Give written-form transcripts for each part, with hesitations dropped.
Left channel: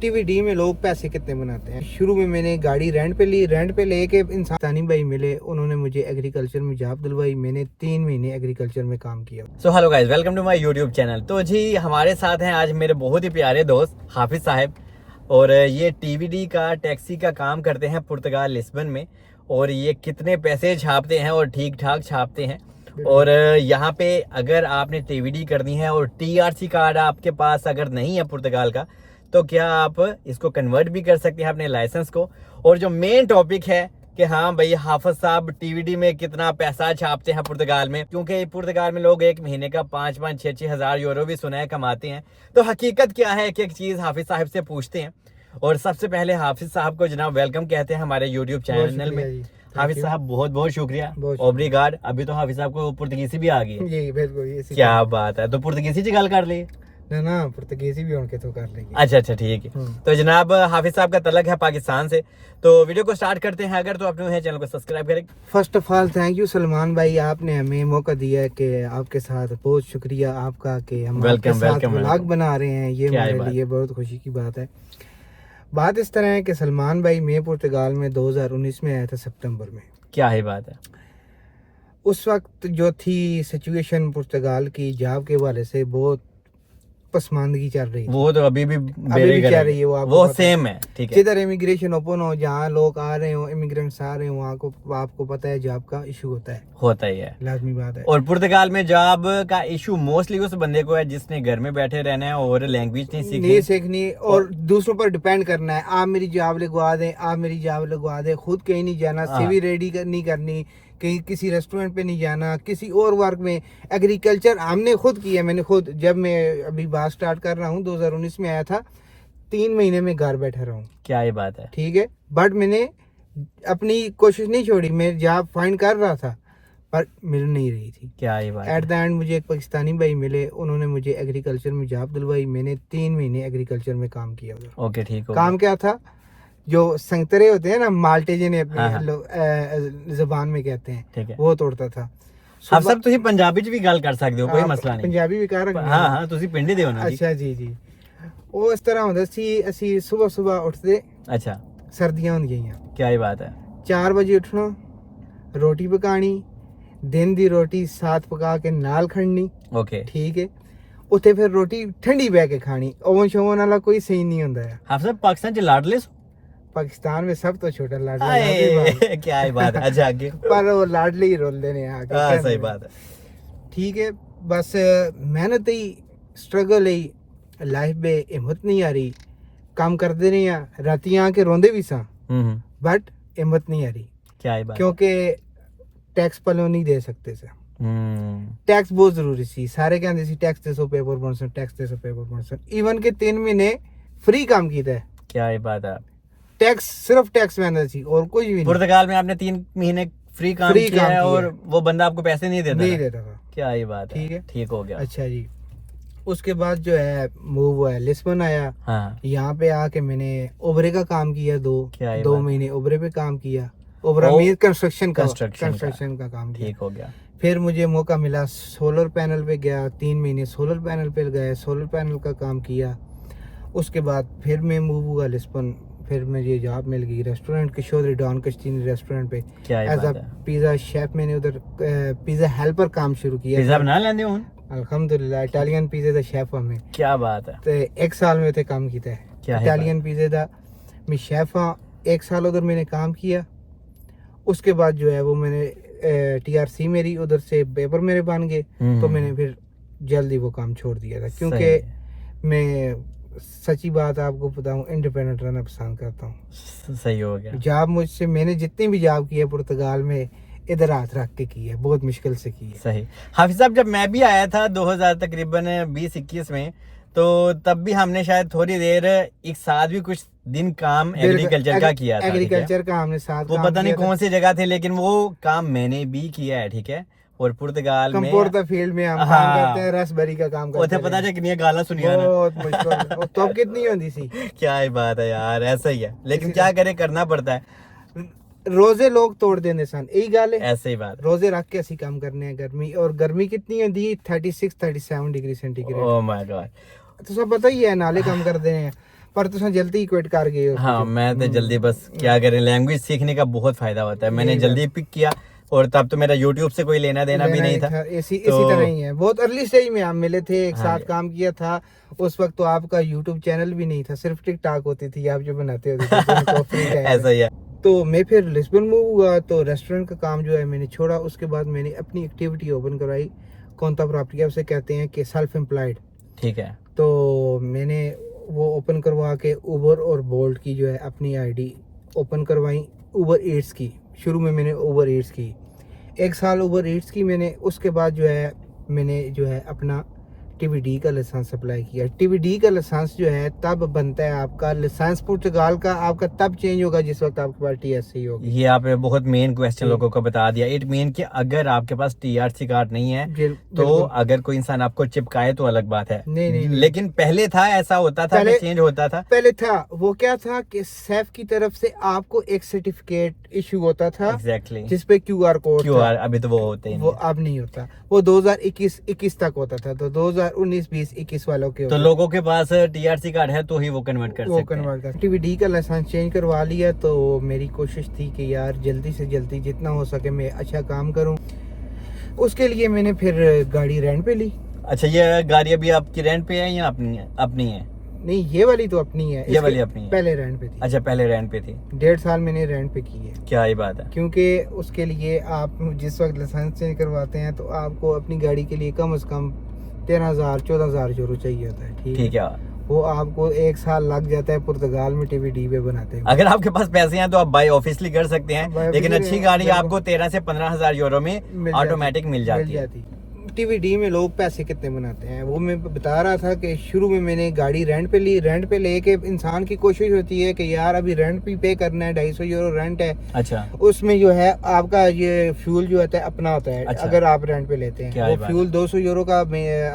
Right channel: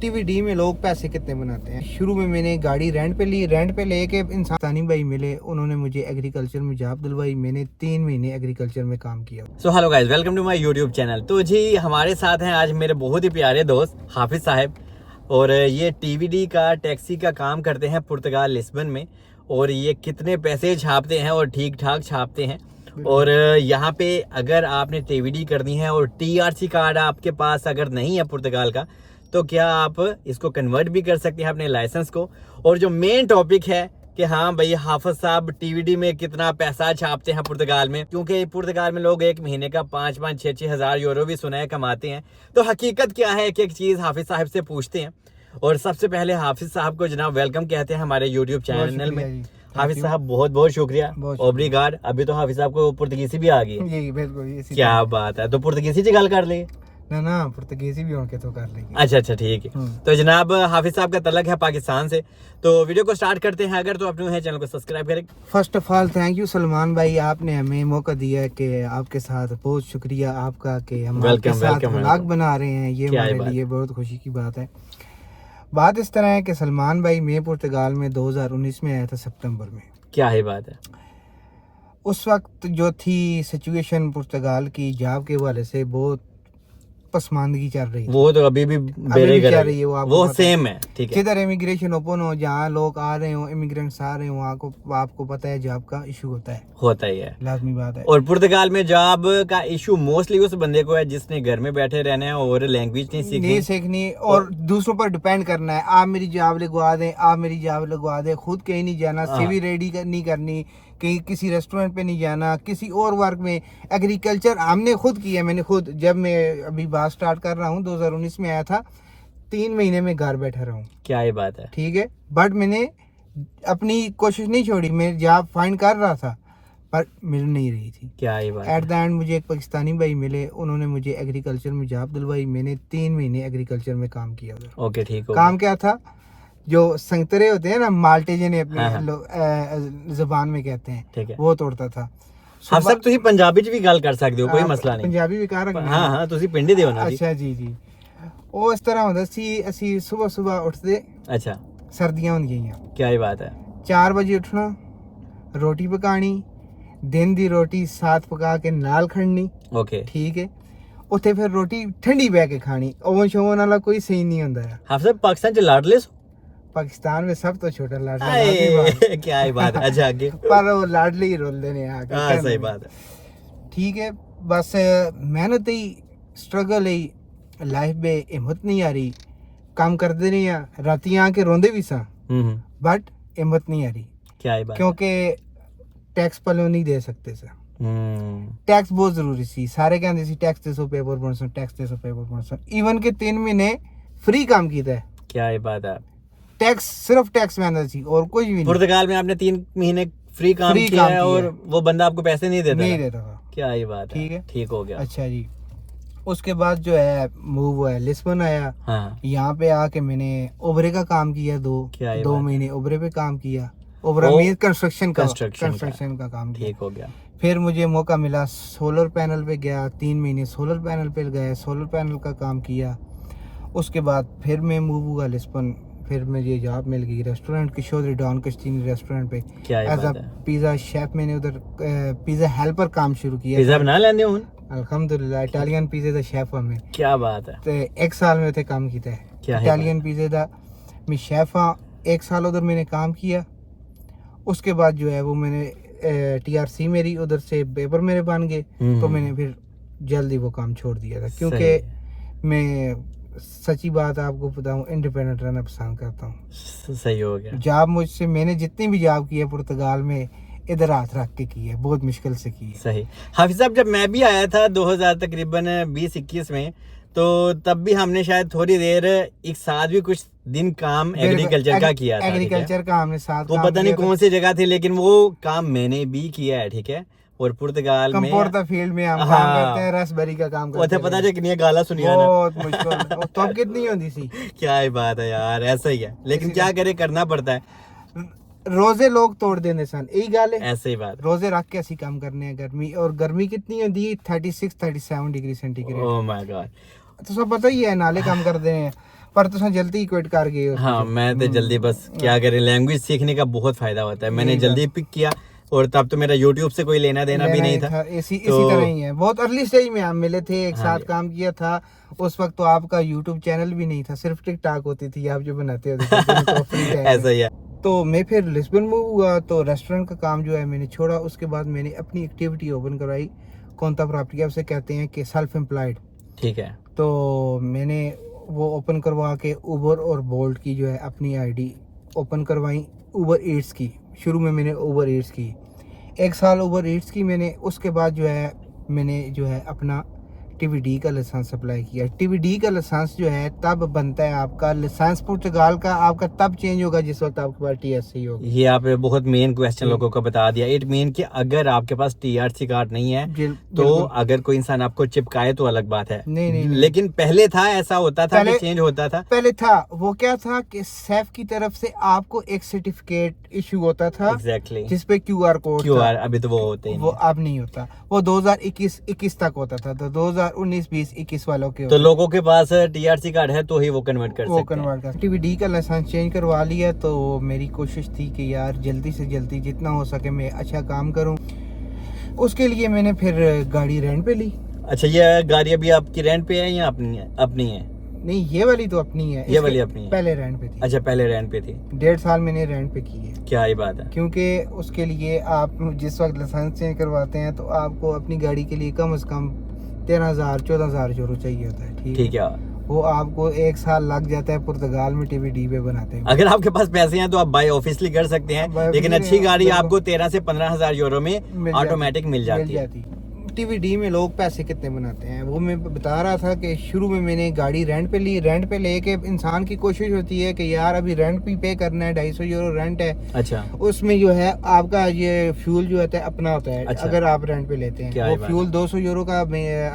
TVD में लोग पैसे कितने बनाते हैं। शुरू में मैंने गाड़ी रेंट पे ली, रेंट पे लेके इंसानी भाई मिले, उन्होंने मुझे एग्रीकल्चर में जॉब दिलवाई। मैंने 3 महीने एग्रीकल्चर में काम किया। So hello guys, welcome to my YouTube channel. तो जी हमारे साथ हैं आज मेरे बहुत ही प्यारे दोस्त हाफिज साहब, और ये टीवीडी का टैक्सी का काम करते हैं पुर्तगाल लिस्बन में। और ये कितने पैसे छापते हैं और ठीक ठाक छापते हैं। और यहाँ पे अगर आपने टीवीडी करनी है और टीआरसी कार्ड आपके पास अगर नहीं है पुर्तगाल का, तो क्या आप इसको कन्वर्ट भी कर सकते हैं अपने लाइसेंस को। और जो मेन टॉपिक है कि हाँ भाई हाफिज साहब टीवीडी में कितना पैसा छापते हैं पुर्तगाल में, क्योंकि पुर्तगाल में लोग एक महीने का 5-6 हज़ार यूरो भी सुना है कमाते हैं। तो हकीकत क्या है, एक एक चीज़ हाफिज साहब से पूछते हैं। और सबसे पहले हाफिज साहब को जनाब वेलकम कहते हैं हमारे यूट्यूब चैनल में। हाफिज साहब बहुत बहुत शुक्रिया, ओब्रिगाड। अभी तो हाफिज साहब को पुर्तगीसी भी आ गई है। बिल्कुल, क्या बात है, तो पुर्तगीसी च गल कर ली ना पुर्तगीसी भी उनके तो कर लेगी। अच्छा ठीक है। तो जनाब हाफिज साहब का तलक है पाकिस्तान से। तो वीडियो को स्टार्ट करते हैं। अगर तो आप न्यू है चैनल को सब्सक्राइब करें। First of all thank you Salman भाई, आपने हमें मौका दिया है कि आपके साथ बहुत शुक्रिया आपका कि हम आपके साथ व्लॉग बना रहे हैं। ये हमारे लिए बहुत खुशी की बात है। बात इस तरह है कि सलमान भाई मैं पुर्तगाल में 2019 में आया था सितंबर में। क्या है बात है, उस वक्त जो थी सिचुएशन पुर्तगाल की जॉब के हवाले से बहुत पसमानदगी चल रही है। वो तो अभी भी चल रही है। वो सेम है, ठीक है। जिधर इमिग्रेशन ओपन हो, जहाँ लोग आ रहे हो, इमिग्रेंट्स आ रहे हो, वहाँ को आपको पता है जॉब का इशू होता ही है, लाजमी बात है। और पुर्तगाल में जॉब का इशू मोस्टली उस बंदे को है जिसने घर में बैठे रहना है और लैंग्वेज नहीं सीखनी और दूसरों पर डिपेंड करना है। आप मेरी जॉब लगवा दें, आप मेरी जॉब लगवा दें, खुद कहीं नहीं जाना, सीवी रेडी नहीं करनी, कहीं किसी रेस्टोरेंट पे नहीं जाना, किसी और वर्क में। एग्रीकल्चर हमने खुद किया, मैंने खुद, जब मैं अभी बात स्टार्ट कर रहा हूँ 2019 में आया था, 3 महीने में घर बैठा रहा हूँ। क्या ये बात है, ठीक है। बट मैंने अपनी कोशिश नहीं छोड़ी, मैं जॉब फाइंड कर रहा था पर मिल नहीं रही थी। क्या ये बात एट द एंड मुझे एक पाकिस्तानी भाई मिले, उन्होंने मुझे एग्रीकल्चर में जॉब दिलवाई। मैंने 3 महीने एग्रीकल्चर में काम किया उधर। ओके ठीक हो। काम क्या था, जो संतरे होते हैं ना, माल्टे जिन्हें अपनी ज़बान में कहते हैं, ठीक है, वो तोड़ता था। आप सब तुसी पंजाबी च भी गल कर सकते हो, कोई मसला नहीं। पंजाबी भी कर रखना। हाँ तुसी पिंडी दे हो ना। अच्छा जी। ਉਹ ਇਸ ਤਰ੍ਹਾਂ ਹੁੰਦਾ ਸੀ, ਅਸੀਂ ਸਵੇਰ ਉੱਠਦੇ। अच्छा, ਸਰਦੀਆਂ ਹੁੰਦੀਆਂ। क्या ये बात है, 4 ਵਜੇ ਉੱਠਣਾ, ਰੋਟੀ ਪਕਾਣੀ, ਦਿਨ ਦੀ ਰੋਟੀ ਸਾਥ ਪਕਾ ਕੇ ਨਾਲ ਖੜਨੀ। ओके ठीक है। ਉੱਥੇ ਫਿਰ ਰੋਟੀ ਠੰਡੀ ਬਹਿ ਕੇ ਖਾਣੀ। ਓਵਨ ਸ਼ੋਵਨ ਵਾਲਾ ਕੋਈ ਸੀਨ ਨਹੀਂ ਹੁੰਦਾ ਹੈ। आप सब पाकिस्तान च लाडले सो? पाकिस्तान में सब तो छोटा लाडला। क्या ही बात है। अच्छा आगे। पर वो लाडले ही रोलते ने आके। हाँ सही बात है। ठीक है। बस मेहनत ही, स्ट्रगल ही, लाइफ में हिम्मत नहीं आ रही। काम करते रहे हैं, राती आके रोंदे भी सा, बट हिम्मत नहीं आ रही। क्या ही बात, क्योंकि टैक्स पलो नहीं दे सकते सर। टैक्स बहुत जरूरी सी। सारे कहते सी टैक्स दे सो पेपर बनसन, टैक्स दे सो पेपर बनसन। इवन के 3 महीने फ्री काम किया है। क्या ही बात है, टैक्स सिर्फ टैक्स में आना चाहिए और कुछ भी नहीं। पुर्तगाल में आपने 3 महीने फ्री काम किया है और वो बंदा आपको पैसे नहीं देता था। क्या ही बात है, ठीक है, ठीक हो गया। अच्छा जी। उसके बाद जो है मूव हुआ है, लिस्बन आया। हाँ। यहाँ पे आके मैंने ओबरे का काम किया। 2 महीने ओबरे पे काम किया। ओबरा मीन कंस्ट्रक्शन का काम किया। ठीक हो गया। फिर मुझे मौका मिला, सोलर पैनल पे गया। 3 महीने सोलर पैनल पे गए, सोलर पैनल का काम किया। उसके बाद फिर मैं मूव हुआ लिस्बन। फिर मुझे जॉब मिल गई रेस्टोरेंट, किशोर डॉन कश्तीनी रेस्टोरेंट पे एज अ पिज़्ज़ा शेफ। मैंने उधर पिज़्ज़ा हेल्पर काम शुरू किया। पिज़्ज़ा बना लेंदे हो? अल्हम्दुलिल्लाह, इटालियन पिज़्ज़ा दा शेफ हूं मैं। क्या बात है। तो 1 साल में उधर काम किया है इटालियन पिज़्ज़ा दा। मैं शेफ हाँ, 1 साल उधर मैंने काम किया। उसके बाद जो है वो मैंने टीआरसी मेरी उधर से पेपर मेरे बन गए, तो मैंने फिर जल्दी वो काम छोड़ दिया था। क्योंकि मैं सच्ची बात आपको बताऊं, इंडिपेंडेंट रहना पसंद करता हूँ। सही हो गया। जॉब मुझसे, मैंने जितनी भी जॉब की है पुर्तगाल में, इधर हाथ रख के की है, बहुत मुश्किल से की है। सही। हाफिज साहब, जब मैं भी आया था 2000 तकरीबन 20-21 में, तो तब भी हमने शायद थोड़ी देर, एक साथ भी कुछ दिन काम एग्रीकल्चर का किया था। एग्रीकल्चर का हमने साथ, वो पता नहीं कौन सी जगह थी, लेकिन वो काम मैंने भी किया है, ठीक है। और पुर्तगाल में कंपोर्टा फील्ड में हम काम करते हैं, रसबेरी का काम करते हैं। पता है कितनी गाला सुनिया ना, बहुत मुश्किल। तो अब कितनी होती सी। क्या ही बात है यार, ऐसा ही है, लेकिन क्या करे, करना पड़ता है। रोजे लोग तोड़ देने सन, यही गल है। ऐसे ही बात, रोजे रख के असि काम करने हैं। गर्मी, और गर्मी कितनी होती है, 36-37 degree centigrade. Oh my God. तो सब पता ही है, नाले काम करते हैं। पर तुम जल्दी ही क्विट कर गए हो। हाँ मैं तो जल्दी बस क्या करें, लैंग्वेज सीखने का बहुत फायदा होता है। मैंने जल्दी पिक किया और तब तो मेरा यूट्यूब से कोई लेना देना भी नहीं था। इसी तरह ही है। बहुत अर्ली स्टेज में हम मिले थे, एक हाँ साथ जी। काम किया था। उस वक्त तो आपका यूट्यूब चैनल भी नहीं था, सिर्फ टिकटॉक होती थी, आप जो बनाते होते थे दिन को फ्री टाइम ऐसा में। ही है। तो मैं फिर लिस्बन मूव हुआ तो रेस्टोरेंट का काम जो है मैंने छोड़ा। उसके बाद मैंने अपनी एक्टिविटी ओपन करवाई, कौनता प्रॉपर्टी उसे कहते हैं कि सेल्फ एम्प्लॉयड। ठीक है। तो मैंने वो ओपन करवा के उबर और बोल्ट की जो है अपनी आईडी ओपन करवाई। उबर ईट्स की शुरू में मैंने उबर ईट्स की 1 साल उबर ईट्स की मैंने। उसके बाद जो है मैंने जो है अपना टीवीडी का लाइसेंस अप्लाई किया। टीवीडी का लाइसेंस जो है तब बनता है आपका लाइसेंस पुर्तगाल का, आपका तब चेंज होगा जिस वक्त आपके पास टीएससी होगी। ये आपने बहुत मेन क्वेश्चन लोगों को बता दिया। इट मीन कि अगर आपके पास टीआरसी कार्ड नहीं है तो बिल्कुल। अगर कोई इंसान आपको चिपकाए तो अलग बात है। नहीं। लेकिन पहले था, ऐसा होता था कि चेंज होता था। पहले था वो क्या था कि सैफ की तरफ से आपको एक सर्टिफिकेट इशू होता था एग्जैक्टली जिसपे क्यूआर कोड क्यूआर, अभी तो वो होते वो हैं। अब नहीं होता। वो 2021 तक होता था। तो 2019, 20, 21 वालों के तो लोगों के पास टीआरसी कार्ड है तो ही वो कन्वर्ट कर वो सकते हैं। कन्वर्ट कर। टीवीडी का लाइसेंस चेंज करवा लिया। तो मेरी कोशिश थी कि यार जल्दी से जल्दी जितना हो सके मैं अच्छा काम करूं। उसके लिए मैंने फिर गाड़ी रेंट पे ली। अच्छा, ये गाड़ी अभी आपकी रेंट पे है या अपनी है? अपनी है। नहीं, ये वाली तो अपनी है। ये वाली अपनी है। पहले रेंट पे थी। अच्छा, पहले रेंट पे थी। 1.5 साल मैंने रेंट पे की है। क्या ही बात है। क्योंकि उसके लिए आप जिस वक्त लाइसेंस चेंज करवाते हैं तो आपको अपनी गाड़ी के लिए कम से कम 13,000 14,000 यूरो चाहिए होता है। ठीक है। वो आपको 1 साल लग जाता है पुर्तगाल में टीवीडी पे बनाते हैं। अगर आपके पास पैसे हैं तो आप बाई ऑफिशियली कर सकते हैं, लेकिन अच्छी गाड़ी आपको 13 से 15,000 यूरो में ऑटोमेटिक मिल जाती है। टीवीडी में लोग पैसे कितने बनाते हैं वो मैं बता रहा था कि शुरू में मैंने गाड़ी रेंट पे ली। रेंट पे लेके इंसान की कोशिश होती है कि यार अभी रेंट भी पे करना है, 250 यूरो रेंट है। अच्छा। उसमें जो है आपका ये फ्यूल जो होता है अपना होता है। अच्छा। अगर आप रेंट पे लेते हैं वो फ्यूल 200 यूरो का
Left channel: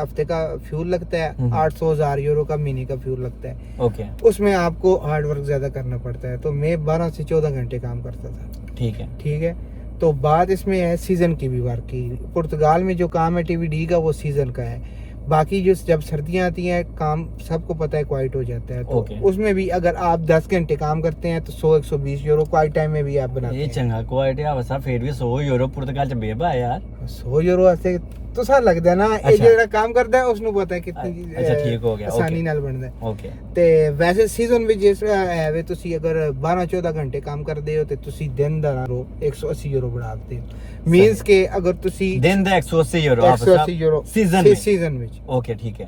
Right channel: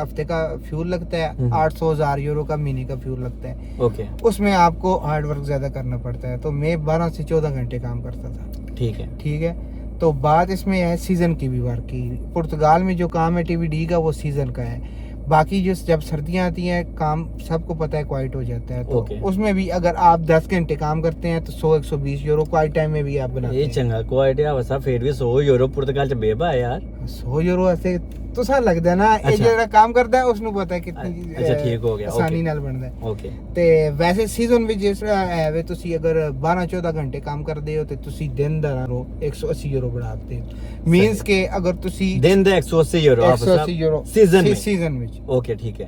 हफ्ते का फ्यूल लगता है, 800,000 यूरो का महीने का फ्यूल लगता है। ओके। उसमें आपको हार्ड वर्क ज्यादा करना पड़ता है। तो मैं 12 से 14 घंटे काम करता था। ठीक है। तो बात इसमें है सीजन की भी वर्क की। पुर्तगाल में जो काम है टीवीडी का वो सीजन का है। बाकी जो जब सर्दियां आती हैं काम सबको पता है क्वाइट हो जाता है। तो उसमें भी अगर आप 10 घंटे काम करते हैं तो 100-120 यूरो क्वाइट टाइम में भी आप बनाते हैं। चंगा क्वाइट है वैसा फिर भी 100 यूरो पुर्तगाल च बेबा है यार। 100 यूरो ऐसे तो सा लगदा ना। अच्छा। ਇਹ ਜਿਹੜਾ ਕੰਮ ਕਰਦਾ ਹੈ ਉਸ ਨੂੰ ਪਤਾ ਹੈ ਕਿੰਨੀ अच्छा ठीक हो गया। ਆਸਾਨੀ ਨਾਲ ਬਣਦਾ ਹੈ। ओके। ਤੇ ਵੈਸੇ ਸੀਜ਼ਨ ਵਿੱਚ ਜਿਸ ਹੈ ਵੇ ਤੁਸੀਂ ਅਗਰ 12-14 ਘੰਟੇ ਕੰਮ ਕਰਦੇ ਹੋ ਤੇ ਤੁਸੀਂ ਦਿਨ ਦਾ ਨਾ 180 ਯੂਰੋ ਬਣਾ ਸਕਦੇ ਹੋ। ਮੀਨਸ ਕਿ ਅਗਰ ਤੁਸੀਂ दिन ਦਾ 180 यूरो 180 ਯੂਰੋ सीजन में। ਸੀਜ਼ਨ ਵਿੱਚ। ओके ठीक है।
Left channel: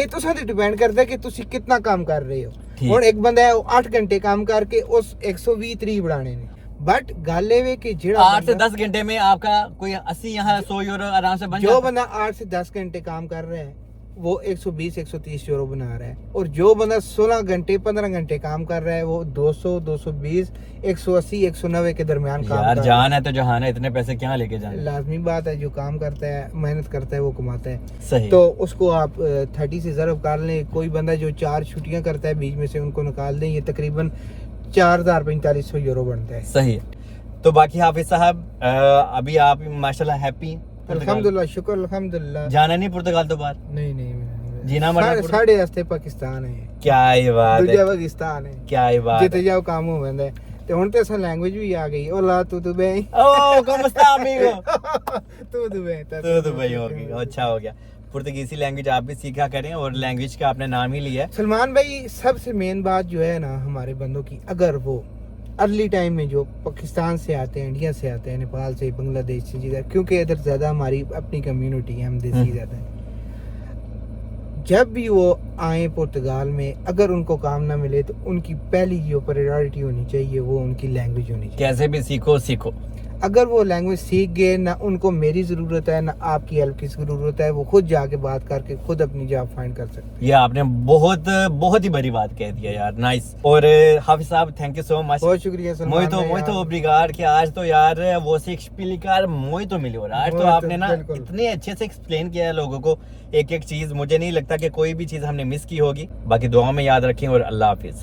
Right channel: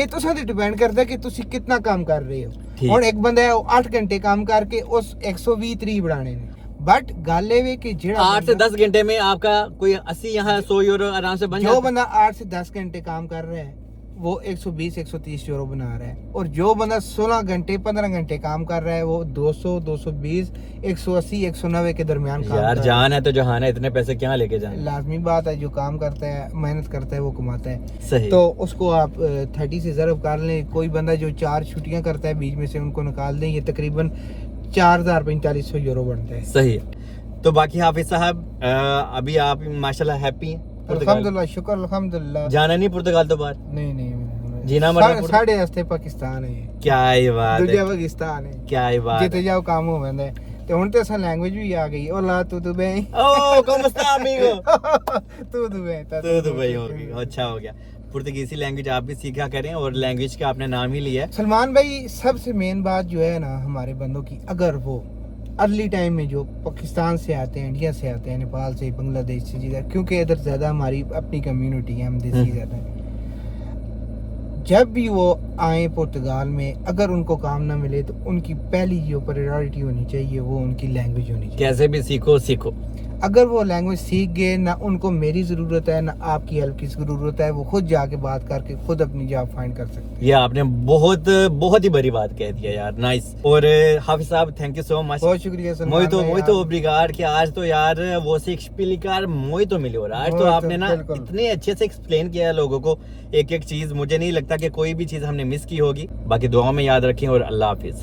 ਇਹ ਤੋਂ ਸਾਡੇ ਡਿਪੈਂਡ ਕਰਦਾ ਕਿ ਤੁਸੀਂ ਕਿੰਨਾ ਕੰਮ ਕਰ ਰਹੇ ਹੋ। ठीक। ਹੁਣ ਇੱਕ ਬੰਦਾ ਹੈ ਉਹ 8 ਘੰਟੇ ਕੰਮ ਕਰਕੇ ਉਸ 120 30 ਬਣਾਣੇ ਨੇ। बट गल ये कि जेड़ा 8 से 10 घंटे में आपका कोई 80 यहाँ 100 यूरो आराम से बन जो जाता है। बंदा 8 से 10 घंटे काम कर रहा है वो 120-130 यूरो बना रहा है। और जो बंदा 16 घंटे 15 घंटे काम कर रहा है वो 200-220 180-190 के दरमियान काम यार कर रहा जान है तो जहान है, इतने पैसे क्या लेके है। जाना। लाजमी बात है, जो काम करता है मेहनत करता है वो कमाता है। सही। तो उसको आप 30 से ज़रब कर लें। कोई बंदा जो 4 छुट्टियां करता है बीच में से उनको निकाल दें, ये तकरीबन 4,000-4,500 यूरो बनता है। सही। तो बाकी हाफिज साहब अभी आप माशाल्लाह हैप्पी हैं? अल्हम्दुलिल्लाह, शुक्र अल्हम्दुलिल्लाह। जाना नहीं पुर्तगाल तो बाहर? नहीं जीना मरना साढ़े रास्ते पाकिस्तान है। क्या ही बात है। दूजा पाकिस्तान है। क्या ही बात जिते है। जाओ काम हो वैंदा है। ते हुन ते असा लैंग्वेज भी आ गई। ओला तू दुबई। ओ कौन está amigo? तू दुबई तो दुबई हो गई। अच्छा हो गया। पुर्तगीसी लैंग्वेज आप भी सीखा करें और लैंग्वेज का आपने नाम ही लिया है। सलमान भाई सबसे मेन बात जो है ना हमारे बंदों की, अगर वो अर्ली टाइम में जो पाकिस्तान से आते हैं, इंडिया से आते हैं, नेपाल से, बांग्लादेश से, जिधर क्योंकि इधर ज्यादा हमारी अपनी कम्युनिटी है, हम देसी ज्यादा हैं। जब भी वो आए पुर्तगाल में अगर उनको काम ना मिले तो उनकी पहली जो प्रायोरिटी होनी चाहिए वो उनकी लैंग्वेज होनी चाहिए। कैसे भी सीखो। अगर वो लैंग्वेज सीख गए ना, उनको मेरी ज़रूरत है ना आपकी हेल्प की ज़रूरत है, वो खुद जाके बात करके खुद अपनी जॉब फाइंड कर सकते हैं। ये आपने बहुत बहुत ही बड़ी बात कह दिया यार। नाइस। और हाफिज साहब थैंक यू सो मच। बहुत शुक्रिया सलमान भाई। muito obrigado कि आज तो यार वो से explicar muito melhor। आज तो आपने ना इतने अच्छे से एक्सप्लेन किया है लोगों को एक एक चीज। मुझे नहीं लगता कि कोई भी चीज हमने मिस की होगी। बाकी दुआ में याद रखें और अल्लाह हाफिज।